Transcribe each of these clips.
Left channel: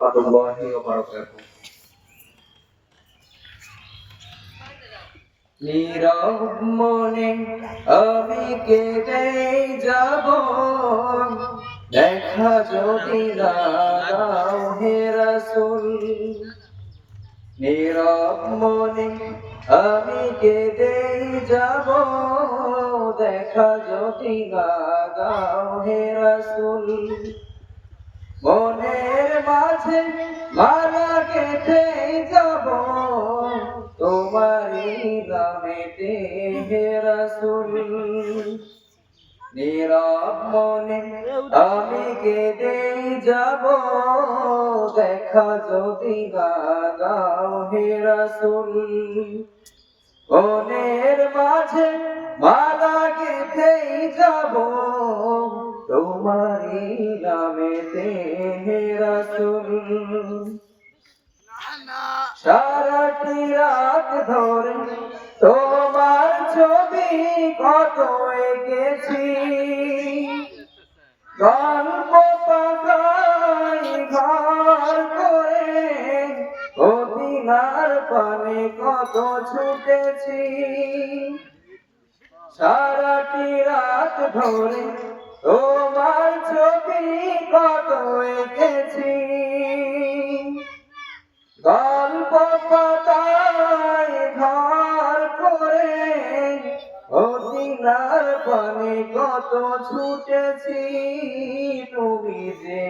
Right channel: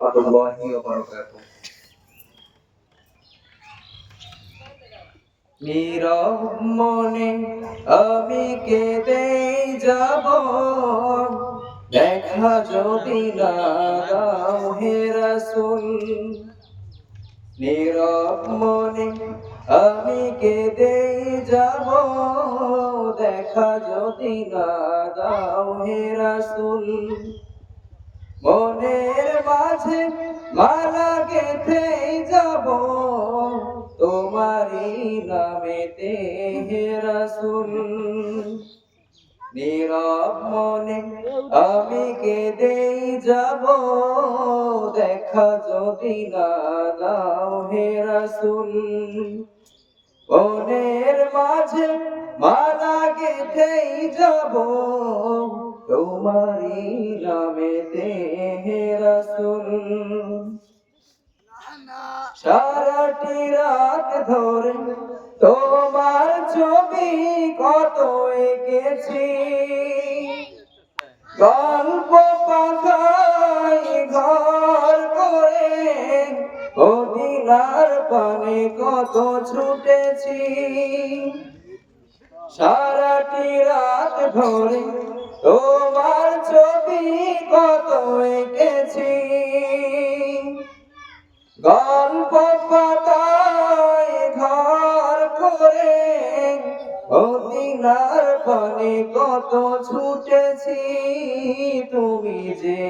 warahmatullahi wabarakatuh. নীরব মনে আমি কেঁদেই যাব, দেখা যদি না দাও হে রাসূল। নীরব মনে আমি কেঁদেই যাব, দেখা যদি না দাও হে রাসূল। মনের মাঝে মালা গেঁথেই যাব, তোমারই নামেতে হে রাসূল। নীরব মনে আমি কেঁদেই যাব, দেখা যদি না দাও হে রাসূল। মনের মাঝে মালা গেঁথেই যাব, তোমারই নামেতে হে রাসূল। সারাটি রাত ধরে তোমার ছবি কত এঁকেছি, গল্প পাতায় ঘর করে মদিনার পানে কত ছুটেছি। সারাটি রাত ধরে তোমার ছবি কত এঁকেছি, গল্প পাতায় ঘর করে মদিনার পানে কত ছুটেছি। তুমি যে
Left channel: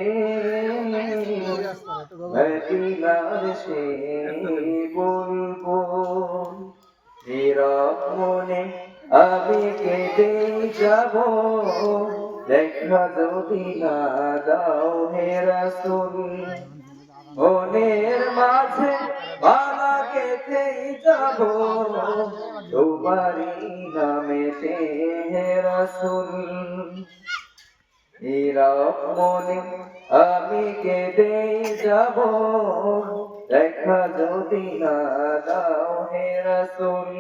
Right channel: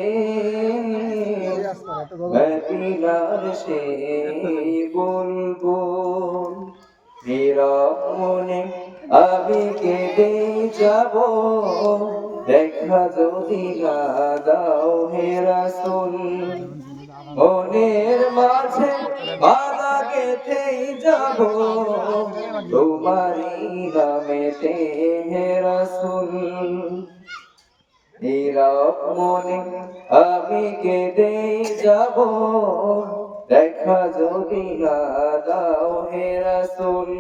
মদিনার সেই বুলবুল, নীরব মনে আমি কেঁদেই যাব, দেখা যদি না দাও হে রাসূল। মনের মাঝে মালা গেঁথেই যাব, তোমারই নামেতে হে রাসূল। নীরব মনে আমি কেঁদেই যাব, দেখা যদি না দাও হে রাসূল।